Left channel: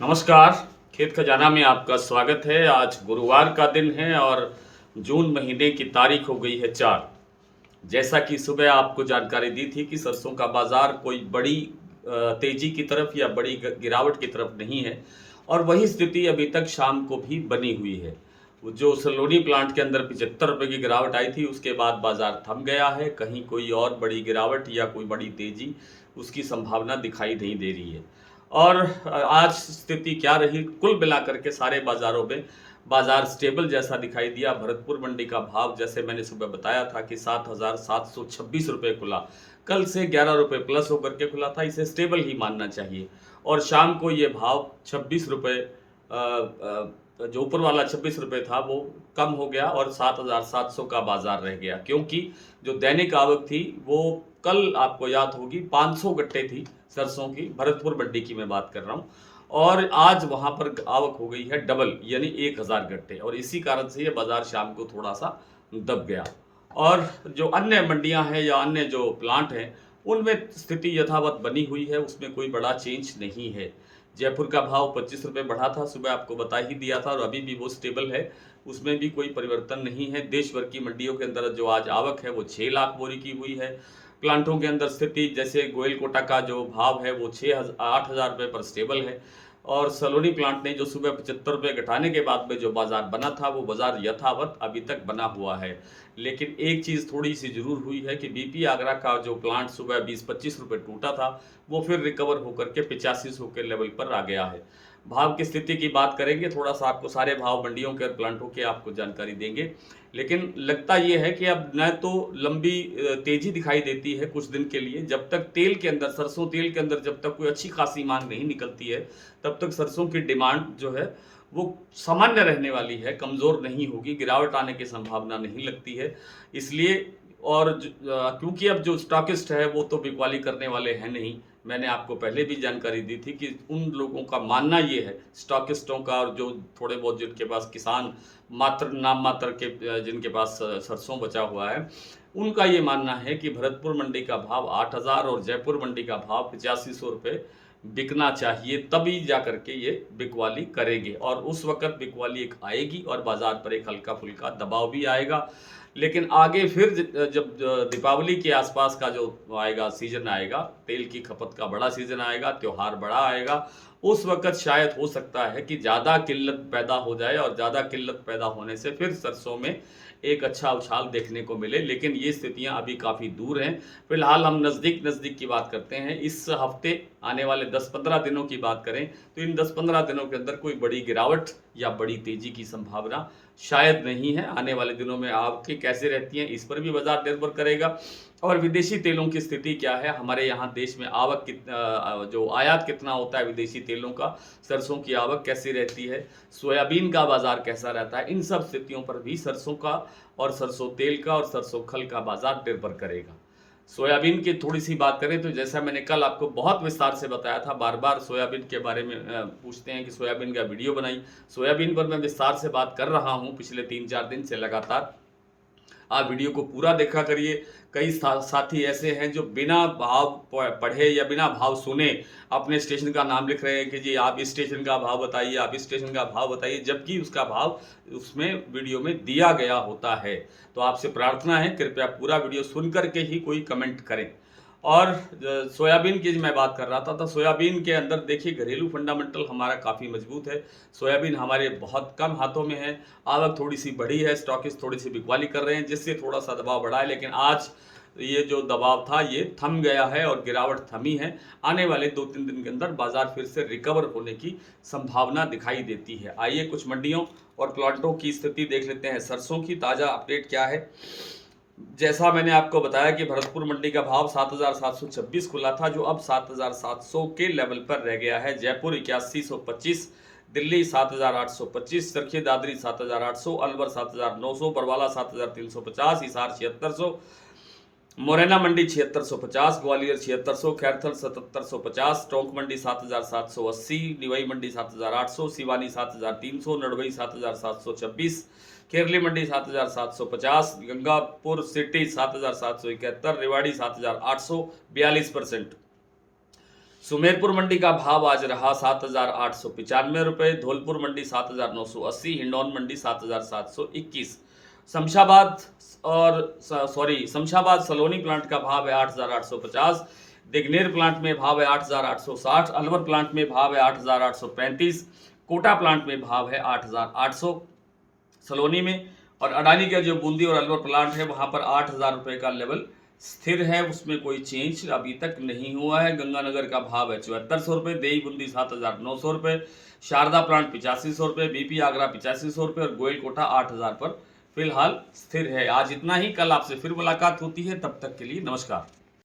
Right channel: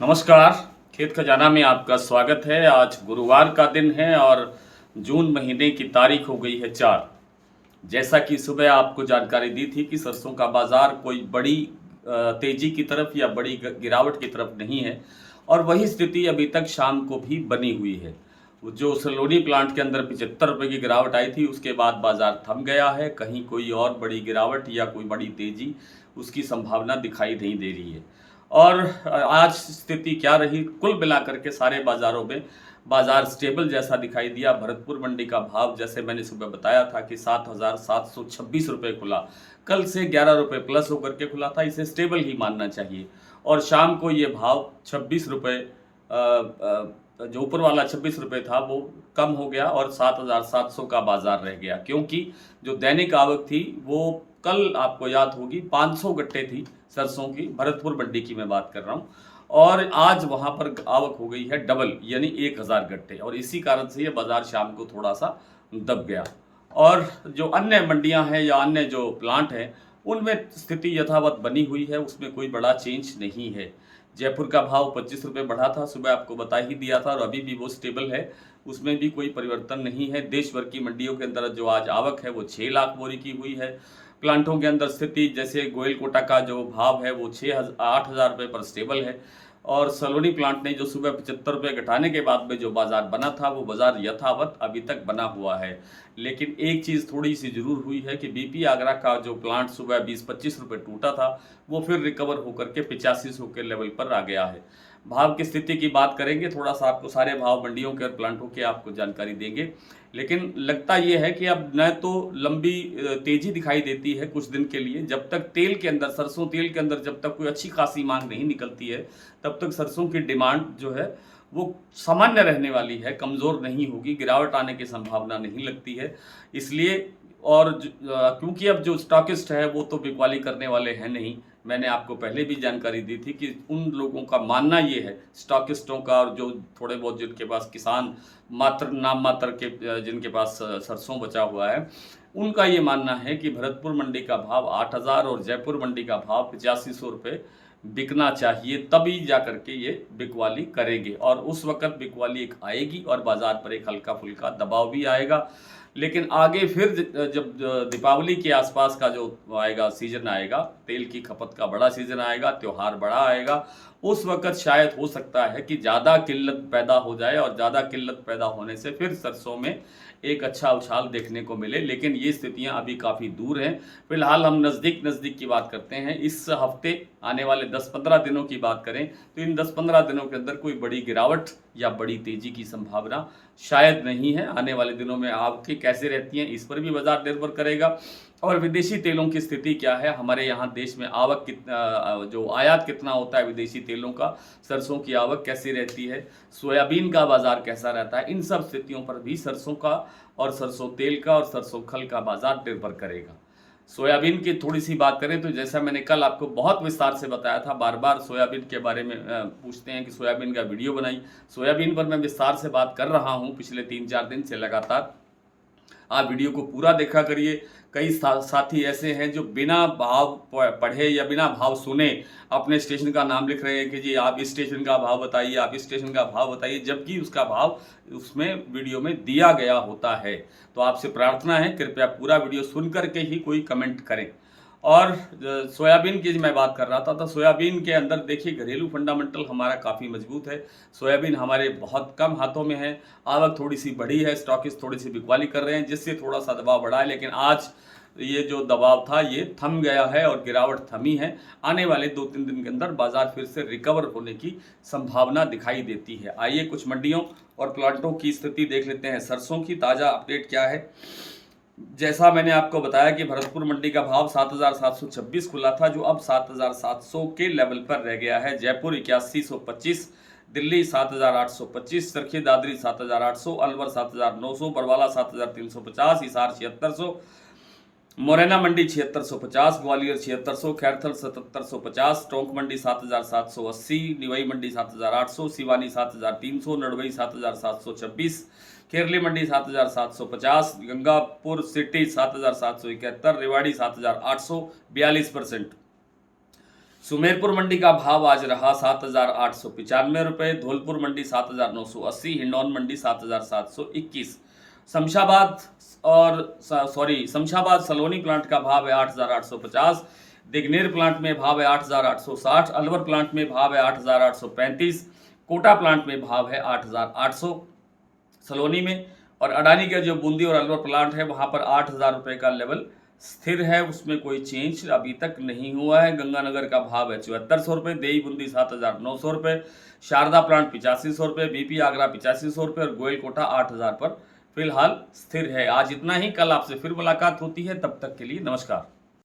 नमस्कार। खेत खजाना में आपका स्वागत है। आज गुरुवार का दिन है और जून महीने की तारीख हो गई है 4। जैसा कि सुबह आपको जानकारी दी थी कि सरसों का बाज़ार कोई बड़ी तेज़ी की तरफ या बड़ी गिरावट की तरफ नहीं है और वही स्थिति अभी तक शाम को भी बनी हुई है। वो जो सलोनी प्लांट के अंदर 75 रुपये की गिरावट आई थी, उसके बाद बाज़ार थम गया है। कहीं कोई और बड़ी गिरावट या कोई बड़ी तेज़ी उसकी संभावना दिखाई नहीं दे रही है। और आज स्थिति क्या रही, कुल मिलाकर के सारे बाज़ारों में बाज़ार स्टेबल जैसा दिखाई दिया। भरतपुर मंडी का भाव जैसे मैंने सुबह बताया था कि 7,726 रुपये खुला। कल से 11 रुपये प्लस होकर के खुला था, इसे स्टेबल ही मानना चाहिए। और शाम को ये भाव 26 रुपये जो ऊपर वाला 26 रुपये था वो कम हो गया और 7,700 का बाज़ार रह गया, क्योंकि जो दैनिक आवक थी वो कल आपको याद होगी 500 गट्टे थी सरसों की, भरतपुर मंडी की मैं बात कर रहा हूँ। और आज वहाँ पर आवक हो गई है डबल, यानी 1000 गट्टे, और इसी कारण से ये बाज़ार शाम को थोड़ा सा दब गया। और जो अन्य मंडियाँ हैं या अन्य जो प्लांट हैं, उनमें स्थिति यथावत बनी हुई है, उसमें कोई बड़ा चेंज नहीं है। जयपुर का भाव 25 रुपये बढ़ा था, सुबह आपको बता ही दिया था, और अभी भी वो स्टेबल है, उसमें भी कोई परिवर्तन नहीं है। देश भर की मंडियों के अंदर जो आज आवक है वो 6 लाख बोरी की हुई है। प्लांटों के अंदर स्थिति जैसे गोयल कोटा का जो भाव है वो 8,000 रुपये पर स्टेबल है। और सलोनी प्लांट ने जो सुबह 75 रुपये घटाने के बाद में जो बाज़ार बना था वो बाज़ार यथावत अभी तक बना हुआ है। लेकिन एक चीज़ थोड़ी सी ज़रूर हुई है कि बीपी आगरा का जो प्लांट सुबह 20-25 रुपये टूटा था वो फिर रिकवर होकर के 8500 के लेवल पर आ गया है। भाव की स्थिति की बात करेंगे, थोड़ा सा आपको सारे भाव मंडियों के और प्लांटों के आपको जानकारी देंगे। लेकिन लगता ये है कि अब न तो लंबी तेज़ी दिखाई देती है कुछ दिन के लिए, जब तक तेल के अंदर, सरसों तेल के अंदर जब तक कोई अच्छी खासी मांग नहीं निकलती है, तब तक सरसों की डिमांड जो है वो सामान्य रहने वाली है, कमज़ोर नहीं होगी, गिरावट आने की संभावना नहीं लगती है। इसलिए और क्योंकि अब जो स्टॉकिस्ट है वो तो बिकवाली करने वाले हैं नहीं। मैंने आपको पहले भी जानकारी दी थी कि उन लोगों का मानना ये है, स्टॉकिस्टों का, और जो थोड़े बहुत जिनके पास किसान मात्र नाम मात्र के जिनके पास सरसों बचा हुआ है, उनका ये मानना है कि भरतपुर मंडी का भाव 8,000 और जयपुर मंडी का भाव 8500 रुपये बिकना चाहिए, तभी जा कर के ये बिकवाली करेंगे। और उस वक़्त बिकवाली एक आएगी और बाज़ार पर एक हल्का-फुल्का दबाव भी आएगा। लेकिन आगे फिर जब दीपावली के आसपास का जो आएगा, सीज़न आएगा, तेल की खपत का बड़ा सीज़न आएगा, त्योहार बड़ा आएगा, उस वक़्त शायद हो सकता है कि ज़्यादा किल्लत पैदा हो जाए और ज़्यादा किल्लत पैदा होने से फिर सरसों में एक अच्छा उछाल देखने को मिले। लेकिन ये स्थितियाँ अभी काफ़ी दूर हैं। फिलहाल हम नज़दीक की बात करते हैं। इस हफ़्ते आने वाले 10-15 दिनों की बात करें तो इन 10-15 दिनों के अंदर कोई बड़ी गिरावट या बड़ी तेज़ी की संभावना शायद नहीं है। आने वाले दिनों में आवकें कैसे रहती हैं, इस पर भी बाज़ार निर्भर करेगा। और विदेशी तेलों की स्थिति क्या है, हमारे यहाँ देश में आवक जो आयात कितना होता है विदेशी तेलों का, सरसों की आवक कैसी रहती है, सोयाबीन का बाज़ार कैसा रहता है, इन सब स्थितियों पर भी सरसों का और सरसों तेल का और सरसों खल का बाज़ार निर्भर करेगा। सोयाबीन की थोड़ी सी बात करें तो जैसा मैंने कल आपको बहुत विस्तार से बताया था, बार बार सोयाबीन के बारे में पूछते हैं कि सोयाबीन का वीडियो बनाई। सोयाबीन पर मैं विस्तार से बात कर रहा हूँ पिछले 3-4 दिन से लगातार। आप वीडियो को पूरा देखा करिए। कई साथी ऐसे हैं जो बिना भाव पढ़े या बिना भाव सुने अपने स्टेशन का नाम लिख रहे हैं कि जी आप इस स्टेशन का भाव बताइए, आप इस स्टेशन का भाव बताइए, जबकि उसका भाव उसमें वीडियो में दिया गया होता है। तो आपसे प्रार्थना है, कृपया पूरा वीडियो सुन कर के ही कोई कमेंट करें। और सोयाबीन की मैं बात कर रहा था, तो सोयाबीन के अंदर देखिए घरेलू फंडामेंटल हमारा काफ़ी मजबूत है। सोयाबीन हमारे बहुत कम हाथों में है, आवक थोड़ी सी बढ़ी है, स्टॉकिस्ट थोड़ी सी बिकवाली कर रहे हैं जिससे थोड़ा सा दबाव बढ़ा है। लेकिन आज ये जो दबाव था ये थम गया है और गिरावट थमी है। आने वाले 2-3 दिन के अंदर बाज़ार फिर से रिकवर होने की संभावना दिखाई देती है। आइए कुछ मंडियों और प्लांटों की स्थिति देख लेते हैं। सरसों की ताज़ा अपडेट क्या है। जैसा मैंने आपको बताया कि भरतपुर मंडी का भाव 7,726 खुला था, जो अब 7,700 के लेवल पर रह गया है। जयपुर 8125, दिल्ली 7,825, चरखी दादरी 7,800, अलवर 7,900, बरवाला 7,350, हिसार 7,600, मुरैना मंडी 7650, ग्वालियर 7600, खैरथल 7750, टोंक मंडी 7780, निवाई मंडी 7800, सिवानी 7300, नड़बई 7726, केरली मंडी 7750, गंगापुर सिटी 7771, रेवाड़ी 7800, 42%। सुमेरपुर मंडी का भाव आज रहा 7,895 रुपये, धौलपुर मंडी 7,980, हिंडौन मंडी 7,721। शमशाबाद शमशाबाद सलोनी प्लांट का भाव है 8,850, दिगनेर प्लांट में भाव है 8,860, अलवर प्लांट में भाव है 8,835, कोटा प्लांट में भाव है 8,800 सलोनी में, और अडानी का जो बूंदी और अलवर प्लांट है वहाँ पर 8,000 रुपये का लेवल स्थिर है, उसमें कोई चेंज अभी तक नहीं हुआ है। गंगानगर का भाव है 7400 रुपये, देई बूंदी 7,900 रुपये, शारदा प्लांट 8500 रुपये, बीपी आगरा 8500 रुपये और गोयल कोटा 8,000 पर फिलहाल स्थिर है। आज इतना ही, कल आपसे फिर मुलाकात होती है, तब तक के लिए नमस्कार।